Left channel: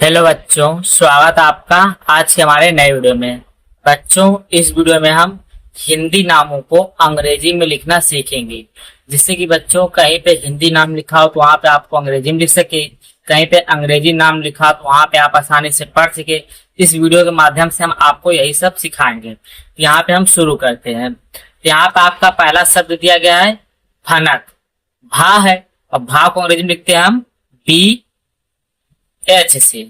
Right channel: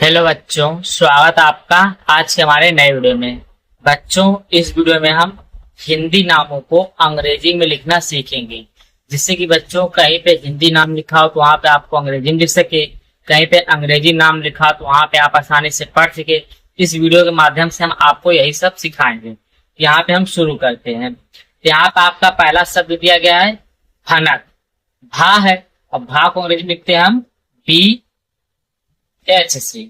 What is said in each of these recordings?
Hello बच्चों, स्वागत है आपका आज के हमारे नए वीडियो में। बच्चों, इस वीडियो में हम हिंदी नामों को अंग्रेजी में लिखना सीखेंगे, जिससे कि बच्चों कहीं पे हिंदी नाम लिखा हो तो वहां पे आपको अंग्रेजी में लिख सके, कहीं पे अंग्रेजी नाम लिखा हो तो वहां पे आप आसानी से पढ़ सके। इस वीडियो के माध्यम से हम आपको यही सब सिखाएंगे। यहाँ पे हम शुरू करते हैं। यहाँ पे आपका पहला शब्द दिया गया है भनक। भा है, और भा को अंग्रेजी में लिखते हैं हम बी एच से।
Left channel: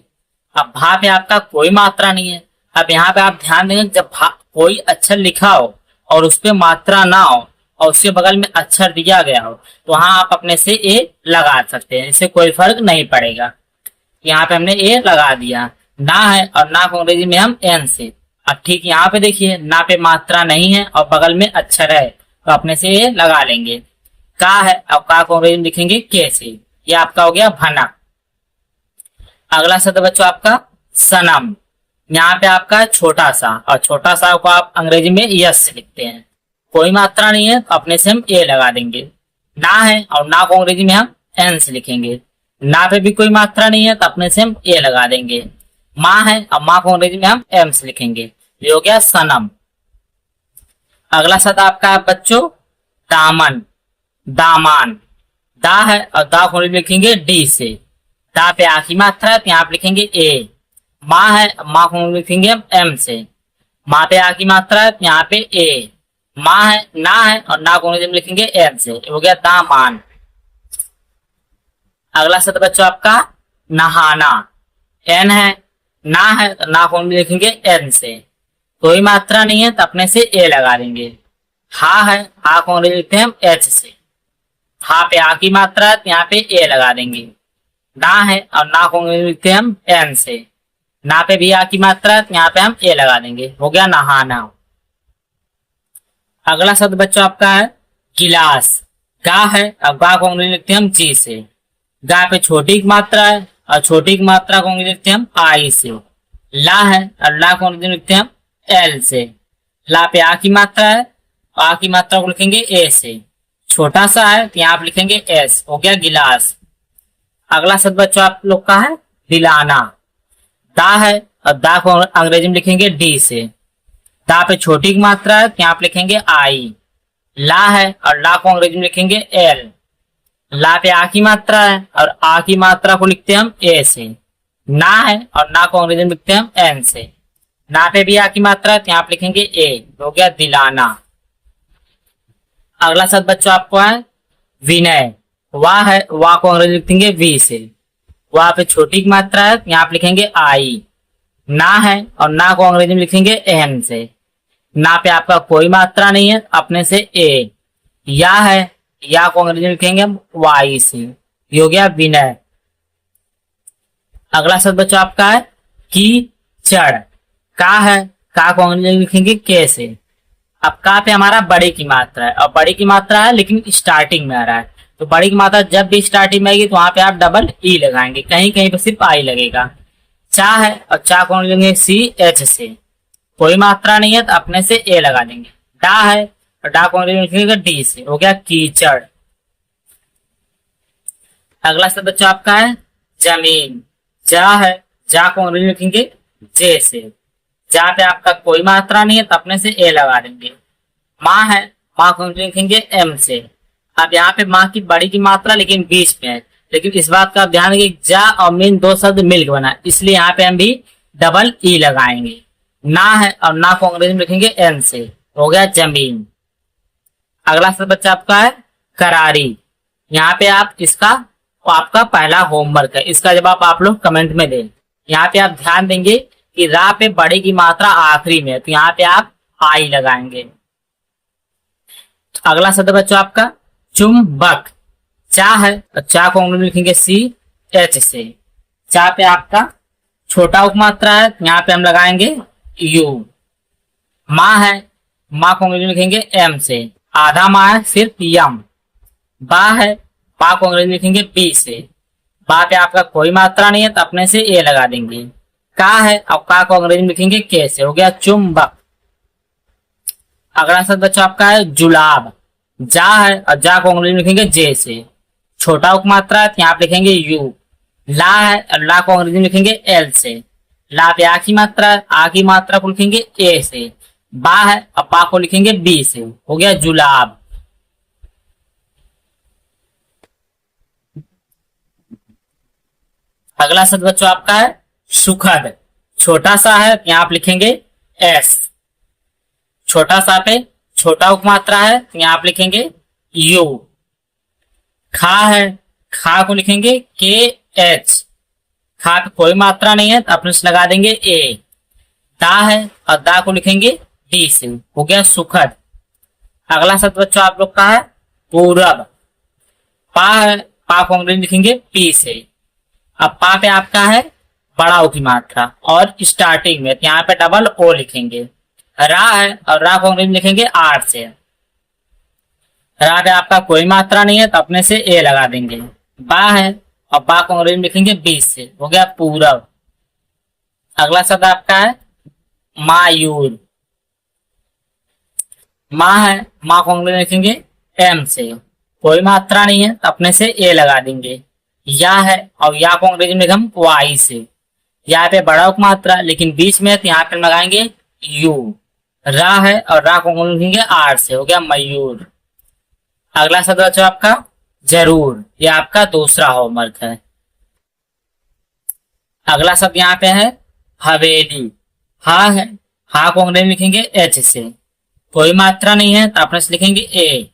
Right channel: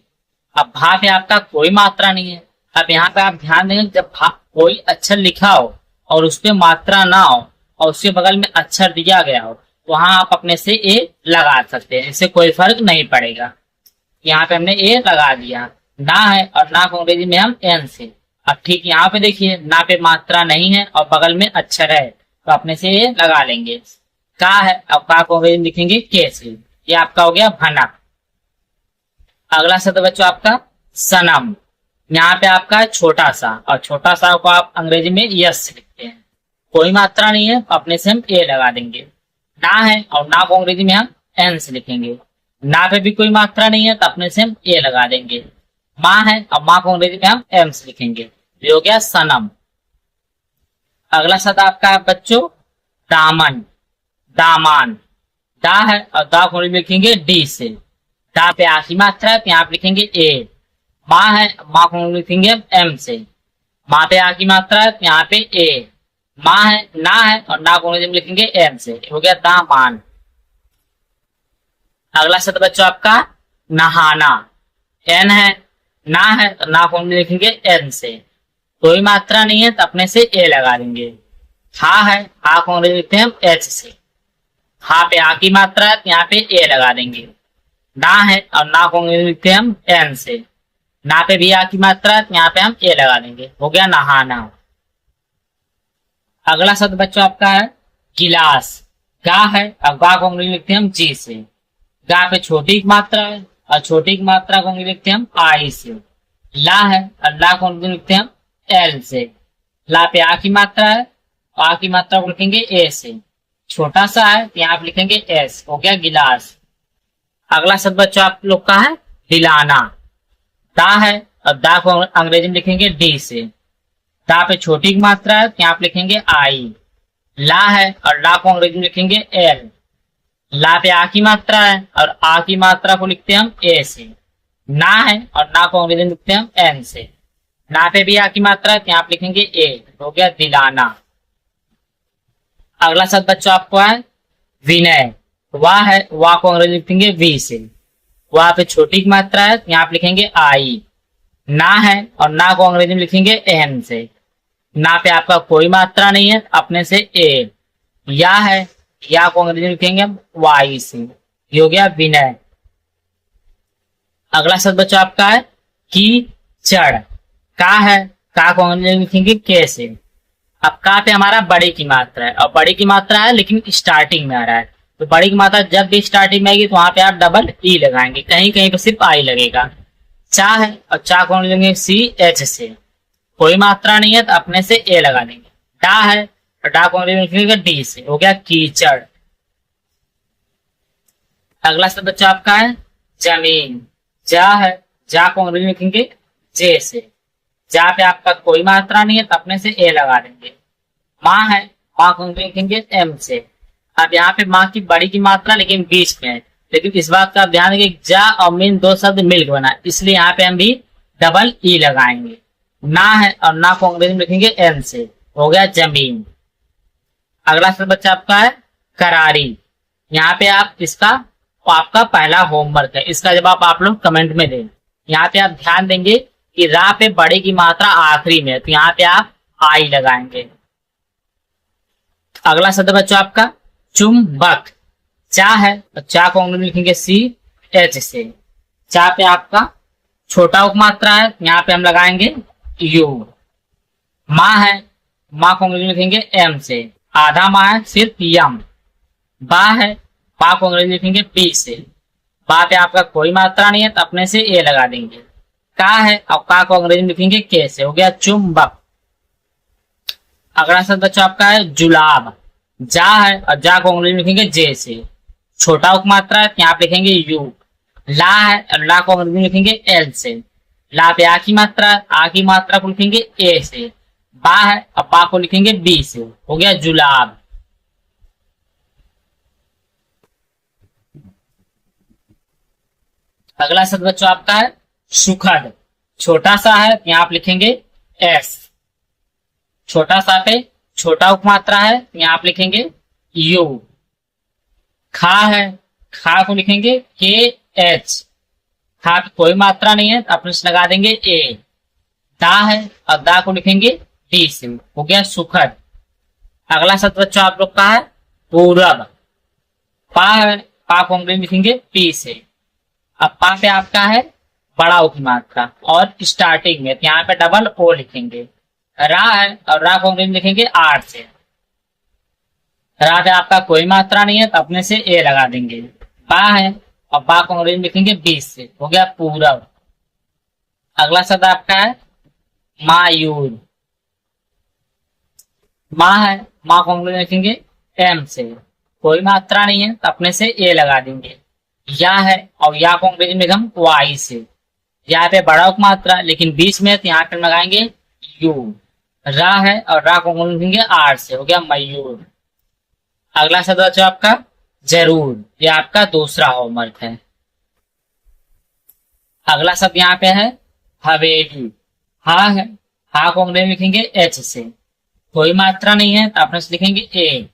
अब भा पे आपका कोई मात्रा नहीं है। अब यहाँ पे आप ध्यान देंगे, जब भा कोई अक्षर लिखा हो और उस पे मात्रा ना हो और उसके बगल में अक्षर दिया गया हो तो वहां आप अपने से ए लगा सकते हैं, इससे कोई फर्क नहीं पड़ेगा। यहाँ पे हमने ए लगा दिया। ना है और ना को अंग्रेजी में हम एन से। अब ठीक यहाँ पे देखिए, ना पे मात्रा नहीं है और बगल में अक्षर है तो अपने से ए लगा लेंगे। का है और का को अंग्रेजी में लिखेंगे के से। ये आपका हो गया भनक। अगला शब्द बच्चों आपका सनम। यहाँ पे आपका छोटा सा, और छोटा सा को आप अंग्रेजी में यस से लिखते हैं। कोई मात्रा नहीं है तो अपने से हम ए लगा देंगे। ना है और ना को अंग्रेजी में हम एन से लिखेंगे। ना पे भी कोई मात्रा नहीं है तो अपने से हम ए लगा देंगे। माँ है और माँ को अंग्रेजी में हम एम से लिखेंगे। ये हो गया सनम। अगला शब्द आपका है बच्चों दामन, दामान। दा है और दा को अंग्रेजी में लिखेंगे डी से। दा पे आ की मात्रा है तो यहाँ आप लिखेंगे ए। माँ है, माँ को लिखेंगे हम एम से। माँ पे आ की मात्रा है तो यहाँ पे ए। माँ है, ना है और ना को लिखेंगे एम से। हो गया दामान। अगला शब्द बच्चों आपका नहाना। एन है, ना है तो ना को लिखेंगे एन से। कोई मात्रा नहीं है तो अपने से ए लगा देंगे। हा है, हा को लिखते हैं हम एच से। हा पे आ की मात्रा है तो यहाँ पे ए लगा देंगे। ना है और ना को लिखते हैं हम एन से। ना पे भी आ की मात्रा है तो यहाँ पे हम ए लगा देंगे। हो गया नहाना। अगला शब्द बच्चों आपका है गिलास। गा है और गा को लिखते हैं हम जी से। गा पे छोटी की मात्रा है और छोटी की मात्रा को लिखते हैं हम आई से। ला है और ला को लिखते हैं हम एल से। ला पे आ की मात्रा है और आ की मात्रा को लिखेंगे ए से। छोटा सा है तो यहाँ आप लिखेंगे एस। हो गया गिलास। अगला शब्द बच्चों आप लोग का है दिलाना। दा है और दा को अंग्रेजी में लिखेंगे डी से। दा पे छोटी की मात्रा है तो यहाँ आप लिखेंगे आई। ला है और ला को अंग्रेजी में लिखेंगे एल। ला पे आ की मात्रा है और आ की मात्रा को लिखते हैं हम ए से। ना है और ना को अंग्रेजी में लिखते हैं हम एन से। ना पे भी आ की मात्रा है तो यहाँ आप लिखेंगे ए। हो गया दिलाना। अगला शब्द बच्चों आपको है विनय। वाह है, वाह को अंग्रेजी लिखेंगे वी से। वाह पे छोटी की मात्रा है यहाँ आप लिखेंगे आई। ना है और ना को अंग्रेजी में लिखेंगे एन से। ना पे आपका कोई मात्रा नहीं है अपने से ए। या है, या को अंग्रेजी में लिखेंगे हम वाई से। ये हो गया विनय। अगला शब्द बच्चों आपका है कीचड़। का है, का को अंग्रेजी में लिखेंगे के से। अब का पे हमारा बड़ी की मात्रा है और बड़ी की मात्रा है लेकिन स्टार्टिंग में आ रहा है, तो बड़ी की मात्रा जब भी स्टार्टिंग में आएगी तो वहां पे आप डबल ई लगाएंगे, कहीं कहीं पे सिर्फ आई लगेगा। चा है और चा को लेंगे सी एच से। कोई मात्रा नहीं है तो अपने से ए लगा देंगे। डा है और डा को लिखेंगे डी से। हो गया कीचड़। अगला शब्द बच्चा आपका है जमीन। जा है, जा को लिखेंगे जे से। जा पे आपका कोई मात्रा नहीं है तो अपने से ए लगा देंगे। माँ है, माँ को लिखेंगे एम से। अब यहाँ पे माँ की बड़ी की मात्रा लेकिन बीच में है, लेकिन इस बात का आप ध्यान देंगे जा और मीन दो शब्द मिलकर बना, इसलिए यहाँ पे हम भी डबल ई लगाएंगे। ना है और ना को अंग्रेजी में लिखेंगे एन से। हो गया जमीन। अगला शब्द बच्चा आपका है करारी। यहाँ पे आप इसका आपका पहला होमवर्क है, इसका जवाब आप लोग कमेंट में दें। यहाँ पे आप ध्यान देंगे कि रा पे बड़ी की मात्रा आखिरी में है तो यहाँ पे आप आई लगाएंगे। अगला शब्द बच्चों आपका चुंबक। चा है और चा को अंग्रेजी में लिखेंगे सी एच से। चा पे आपका छोटा उप मात्रा है यहाँ पे हम लगाएंगे यू। माँ है, माँ को अंग्रेजी में लिखेंगे एम से। आधा माँ है सिर्फ यम। बा है, बा को अंग्रेजी में लिखेंगे बी से। बा पे आपका कोई मात्रा नहीं है तो अपने से ए लगा देंगे। का है और का को अंग्रेजी में लिखेंगे के से। हो गया चुंबक। अगला शब्द बच्चों आपका है जुलाब। जा है और जा को अंग्रेजी में लिखेंगे जे से। छोटा उप मात्रा है यहाँ आप लिखेंगे यू। ला है और ला को अंग्रेजी में लिखेंगे एल से। ला पे आ की मात्रा को लिखेंगे ए से। बा है और बा को लिखेंगे बी से। हो गया जुलाब। अगला शब्द बच्चों आपका है सुखद। छोटा सा है तो यहाँ आप लिखेंगे एस। छोटा सा पे छोटा उपमात्रा है तो यहाँ आप लिखेंगे यू। खा है, खा को लिखेंगे के एच। खा पे कोई मात्रा नहीं है तो आप इसमें लगा देंगे ए। दा है और दा को लिखेंगे डी से। हो गया सुखद। अगला शब्द बच्चों आप लोग का है पूरब। पा है, पा को अंग्रेजी में लिखेंगे पी से। अब पा पे आपका है बड़ा ओ की मात्रा और स्टार्टिंग में यहाँ पे डबल ओ लिखेंगे। रा है और रा को अंग्रेजी में लिखेंगे आर से। रा पे आपका कोई मात्रा नहीं है तो अपने से ए लगा देंगे। बा है और बा को अंग्रेजी में लिखेंगे 20 से। हो गया पूरब। अगला शब्द आपका है मायूर। माँ है, माँ को अंग्रेजी में लिखेंगे एम से। कोई मात्रा नहीं है तो अपने से ए लगा देंगे। या है और या को अंग्रेजी में हम वाई से। यहाँ पे बड़ा उपमात्रा लेकिन बीच में तो यहाँ पे लगाएंगे यू। रा है और रा को अंग्रेजी में लिखेंगे आर से। हो गया मयूर। अगला शब्द बच्चों आपका जरूर। यह आपका दूसरा होमवर्क है। अगला शब्द यहाँ पे है हवेली। हा है, हा को अंग्रेजी में लिखेंगे एच से। कोई मात्रा नहीं है तो अपने से लिखेंगे ए।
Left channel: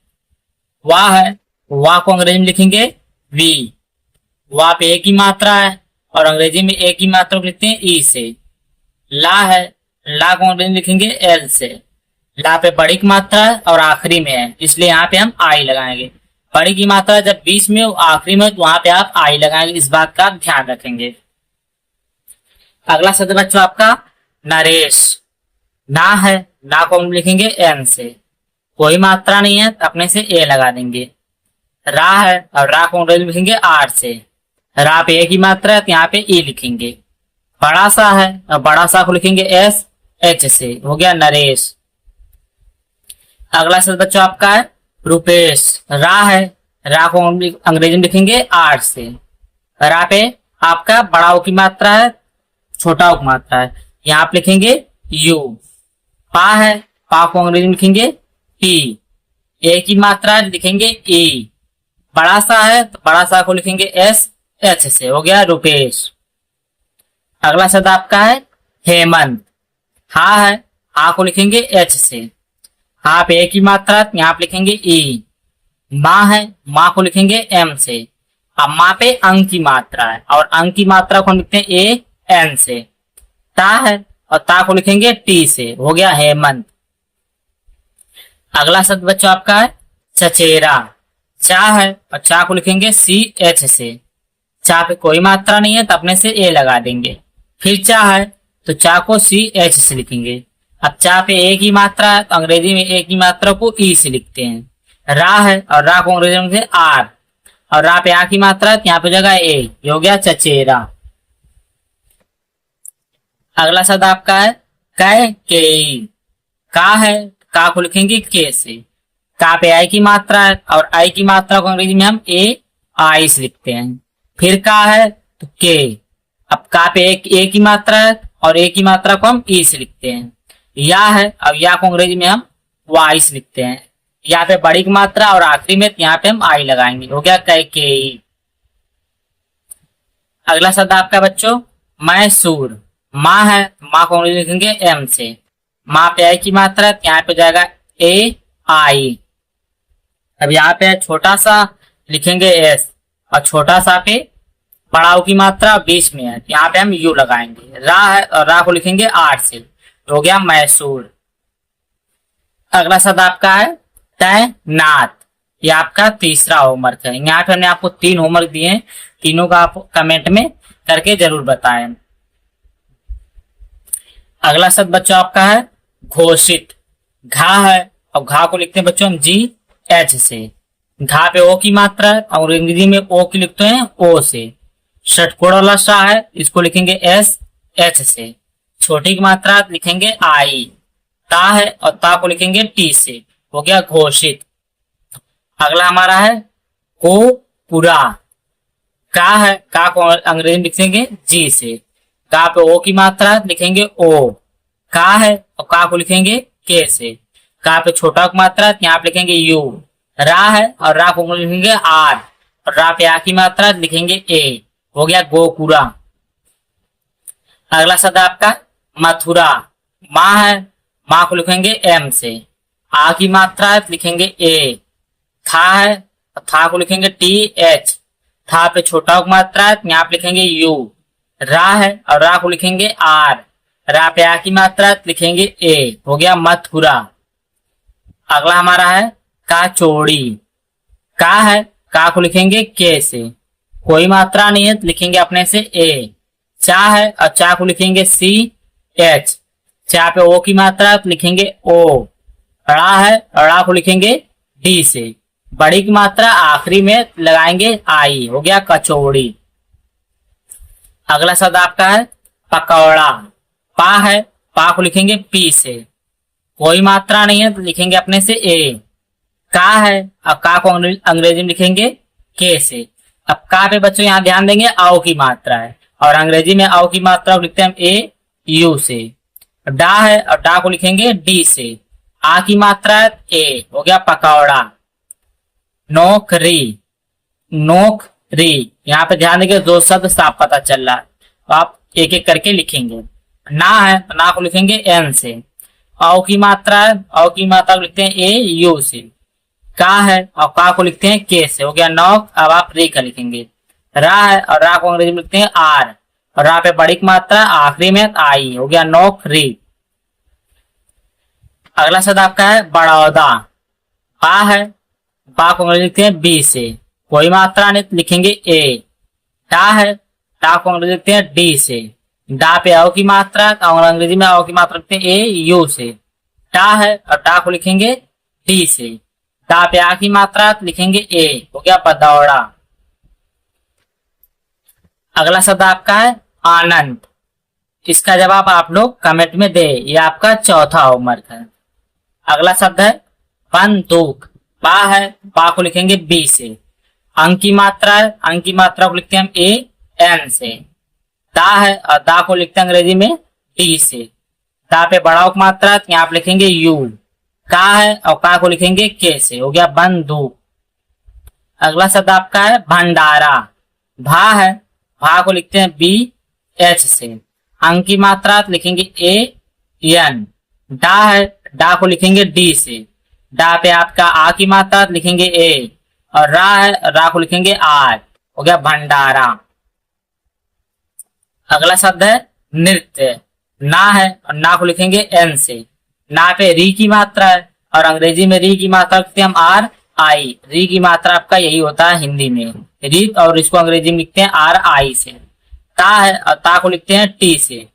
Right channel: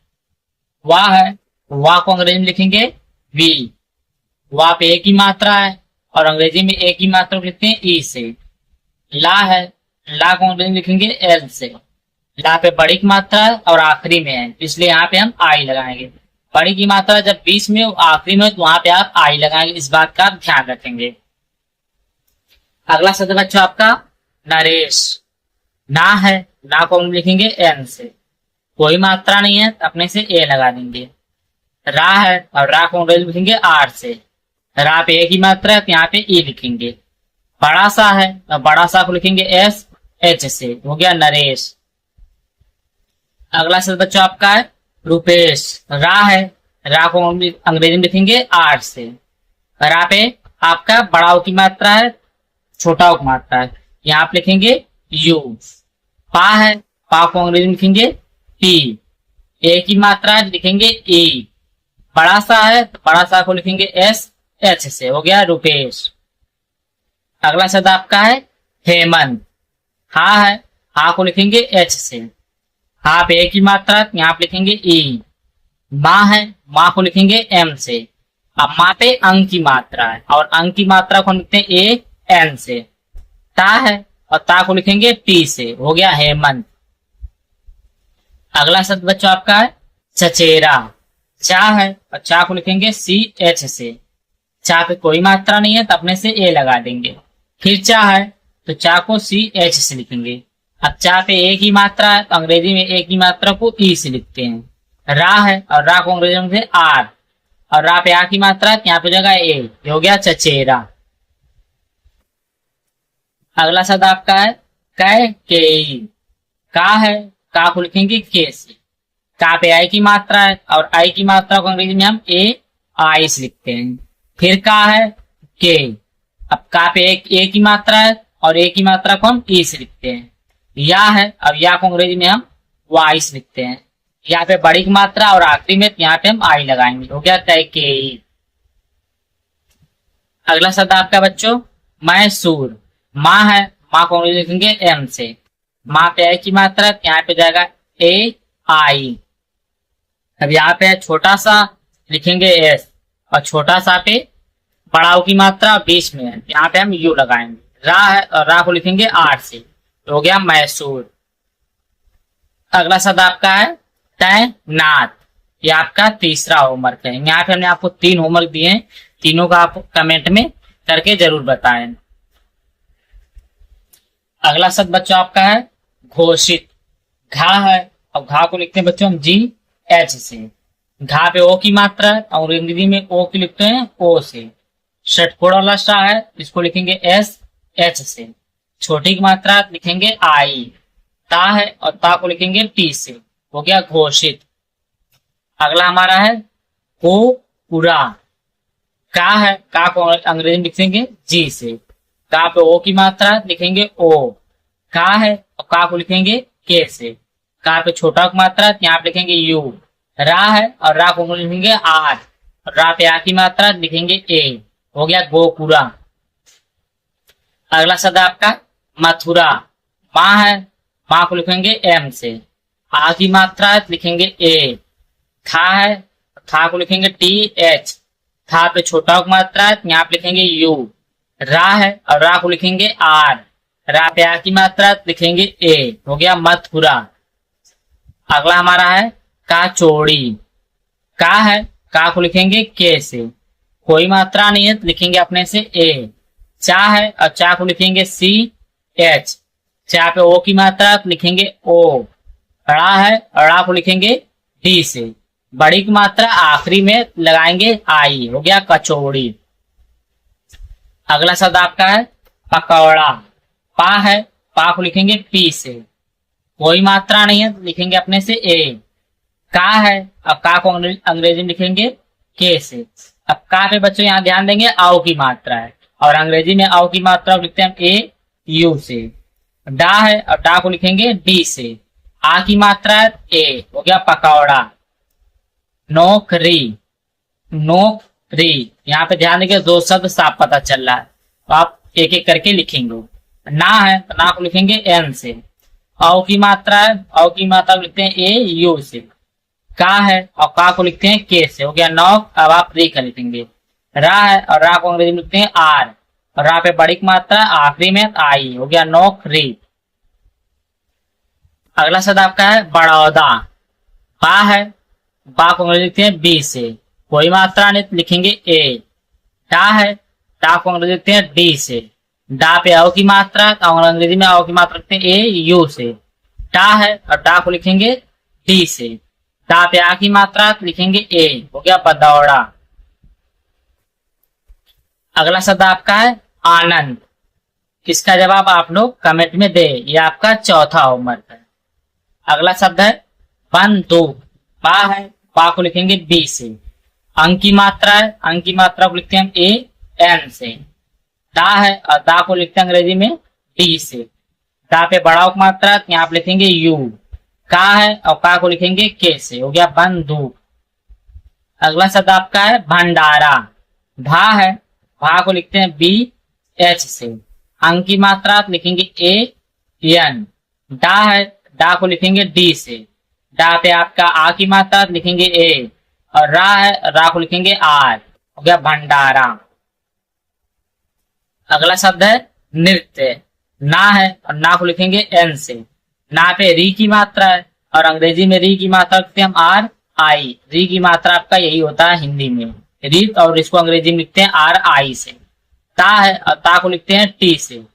वाह है, वाह को अंग्रेजी में लिखेंगे वी। वाह पे एक ही मात्रा है और अंग्रेजी में एक ही मात्रा को लिखते हैं ई से। ला है, ला को अंग्रेजी में लिखेंगे एल से। ला पे बड़ी की मात्रा है और आखिरी में है इसलिए यहाँ पे हम आई लगाएंगे। बड़ी की मात्रा जब बीच में आखिरी में तो वहां पे आप आई लगाएंगे। इस बात का आप ध्यान रखेंगे। अगला शब्द बच्चों आपका नरेश। ना है, ना को हम लिखेंगे एन से। कोई मात्रा नहीं है तो अपने से ए लगा देंगे। रा है और रा को अंग्रेजी में लिखेंगे आर से। रा पे एक ही मात्रा है तो यहाँ पे ई लिखेंगे। बड़ा सा है और बड़ा सा को लिखेंगे एस एच से। हो गया नरेश। अगला शब्द बच्चों आपका है रुपेश। रा है, रा को अंग्रेजी में लिखेंगे आर से। रा पे आपका बड़ा ओ की मात्रा है, छोटा ओ की मात्रा है, यहाँ आप लिखेंगे यू। पा है, पा को अंग्रेजी में लिखेंगे पी। ए की मात्रा है लिखेंगे ई। बड़ा सा है तो बड़ा सा को लिखेंगे एस एच से। हो गया रुपेश। अगला शब्द आपका है हेमंत। हा है, हा को लिखेंगे एच से। हा पे एक ही मात्रा है यहाँ पे लिखेंगे ई। माँ है, माँ को लिखेंगे एम से। अब माँ पे अंक की मात्रा है और अंक की मात्रा को लिखते हैं ए एन से। ता है और ता को लिखेंगे टी से। हो गया हेमंत। अगला शब्द बच्चों आपका है चचेरा। चा है और चा को लिखेंगे सी एच से। चा पे कोई मात्रा नहीं है तो अपने से ए लगा देंगे। फिर चा है तो चा को सी एच से लिखेंगे। अब चा पे एक ही मात्रा है तो अंग्रेजी में एक ही मात्रा को ई से लिखते हैं। रा है और रा को अंग्रेजी में लिखते हैं आर और रा पे आ की मात्रा है तो यहाँ पे जगह ए। ये हो गया चचेरा। अगला शब्द आपका है कै केई। का है, का को लिखेंगे के से। का पे आई की मात्रा है और आई की मात्रा को अंग्रेजी में हम ए आई से लिखते हैं। फिर का है तो के। अब का पे एक की मात्रा है और एक की मात्रा को हम ई से लिखते हैं। या है, अब या को अंग्रेजी में हम वाई से लिखते हैं। यहाँ पे बड़ी की मात्रा और आखिरी में यहाँ पे हम आई लगाएंगे। हो गया कैकेयी। अगला शब्द आपका बच्चों मैसूर। माँ है, माँ को अंग्रेजी लिखेंगे एम से। माँ पे आई की मात्रा है यहाँ पे जाएगा ए आई। अब यहाँ पे छोटा सा लिखेंगे एस और छोटा सा पे बड़ा की मात्रा बीच में है यहाँ पे हम यू लगाएंगे। रा है और रा को लिखेंगे आर से। हो गया मैसूर। अगला शब्द आपका है तैनात। ये आपका तीसरा होमवर्क है। यहाँ पे हमने आपको 3 होमवर्क दिए हैं। तीनों का आप कमेंट में करके जरूर बताएं। अगला शब्द बच्चों आपका है घोषित। घा है और घा को लिखते हैं बच्चों हम जी एच से। घा पे ओ की मात्रा है और अंग्रेजी में ओ की लिखते हैं ओ से। षटकोण वाला सा है इसको लिखेंगे एस एच से। छोटी की मात्रा लिखेंगे आई। ता है और ता को लिखेंगे टी से। हो गया घोषित। अगला हमारा है को पूरा। का है, का को अंग्रेजी में लिखेंगे जी से। का पे ओ की मात्रा लिखेंगे ओ। का है और का को लिखेंगे के से। का पे छोटा की मात्रा यहाँ पे लिखेंगे यू। रा है और रा को लिखेंगे आर। और रा पे आ की मात्रा लिखेंगे ए। हो गया गोकुरा। अगला शब्द आपका मथुरा। माँ है, माँ को लिखेंगे एम से। आ की मात्रा लिखेंगे ए। था है, था को लिखेंगे टी एच। था पे छोटा की मात्रा यहाँ पे लिखेंगे यू। रा है और रा को लिखेंगे आर। रा पे आ की मात्रा लिखेंगे ए। हो गया मथुरा। अगला हमारा है काचौड़ी। का है, का को लिखेंगे के से। कोई मात्रा नहीं है तो लिखेंगे अपने से ए। चा है और चा को लिखेंगे सी एच। चा पे ओ की मात्रा तो लिखेंगे ओ। ड़ा है और ड़ा को लिखेंगे डी से। बड़ी की मात्रा आखिरी में लगाएंगे आई। हो गया कचौड़ी। अगला शब्द आपका है पकौड़ा। पा है, पा को लिखेंगे पी से। कोई मात्रा नहीं है तो लिखेंगे अपने से ए। का है, अब का को अंग्रेजी में लिखेंगे के से। अब का पे बच्चों यहाँ ध्यान देंगे आओ की मात्रा है और अंग्रेजी में आओ की मात्रा लिखते हैं ए यू से। डा है और डा को लिखेंगे डी से। आ की मात्रा ए। हो गया पकौड़ा। नौकरी। नौकरी, यहाँ पे ध्यान देंगे दो शब्द साफ पता चल रहा है तो आप एक एक करके लिखेंगे। ना है तो ना को लिखेंगे एन से। औ की मात्रा है, औ की मात्रा को लिखते हैं ए यू से। का है और का को लिखते हैं के से। हो गया नौक। अब आप री का लिखेंगे। रा है और रा को अंग्रेजी में लिखते हैं आर। और रा पे बड़ी की मात्रा आखिरी में आई। हो गया नौकरी। अगला शब्द आपका है बड़ौदा। बा है, बा को अंग्रेजी लिखते हैं बी से। कोई मात्रा नहीं तो लिखेंगे ए। टा है, टा को अंग्रेजी लिखते हैं डी से। डा पे आओ की मात्रा और अंग्रेजी में आओ की मात्रा लिखते हैं ए यू से। टा है और टा को लिखेंगे डी से। टा पे आ की मात्रा तो लिखेंगे ए। हो गया बदौड़ा। अगला शब्द आपका है आनंद। इसका जवाब आप लोग कमेंट में दे। ये आपका चौथा होमवर्क है। अगला शब्द है बंदूक। बा है, बा को लिखेंगे बी से। अंक की मात्रा है, अंक की मात्रा को लिखते हैं हम ए एन से। दा है और दा को लिखते हैं अंग्रेजी में डी से। दा पे बड़ा की मात्रा तो यहाँ पे लिखेंगे यू। का है और का को लिखेंगे के से। हो गया बंदूक। अगला शब्द आपका है भंडारा। भा है, भा को लिखते हैं बी एच से। अंक की मात्रा तो लिखेंगे ए एन। डा है, डा को लिखेंगे डी से। डा पे आपका आ की मात्रा तो लिखेंगे ए। और रा है, रा को लिखेंगे आर। हो गया भंडारा। अगला शब्द है नृत्य। ना है और ना को लिखेंगे एन से। ना पे री की मात्रा है और अंग्रेजी में री की मात्रा लिखते हैं हम आर आई। री की मात्रा आपका यही होता है हिंदी में री, और इसको अंग्रेजी में लिखते हैं आर आई से। ता है और ता को लिखते हैं टी से।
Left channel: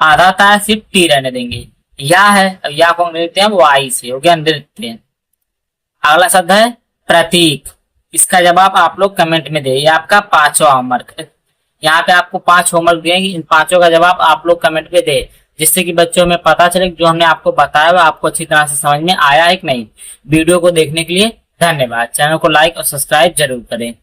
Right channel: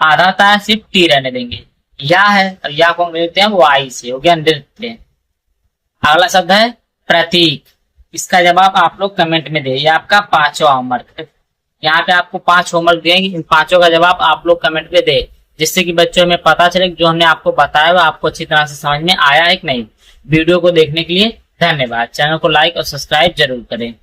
आधा ता सिर्फ टी रहने देंगे। या है और या को अंग्रेजी लिखते हैं वाई से। हो गया नृत्य। अगला शब्द है प्रतीक। इसका जवाब आप लोग कमेंट में दे। ये आपका पांचवा होमवर्क है। यहाँ पे आपको 5 होमवर्क दिएंगे। इन पांचों का जवाब आप लोग कमेंट में दे, जिससे कि बच्चों में पता चले कि जो हमने आपको बताया वो आपको अच्छी तरह से समझ में आया है कि नहीं। वीडियो को देखने के लिए धन्यवाद। चैनल को लाइक और सब्सक्राइब जरूर करें।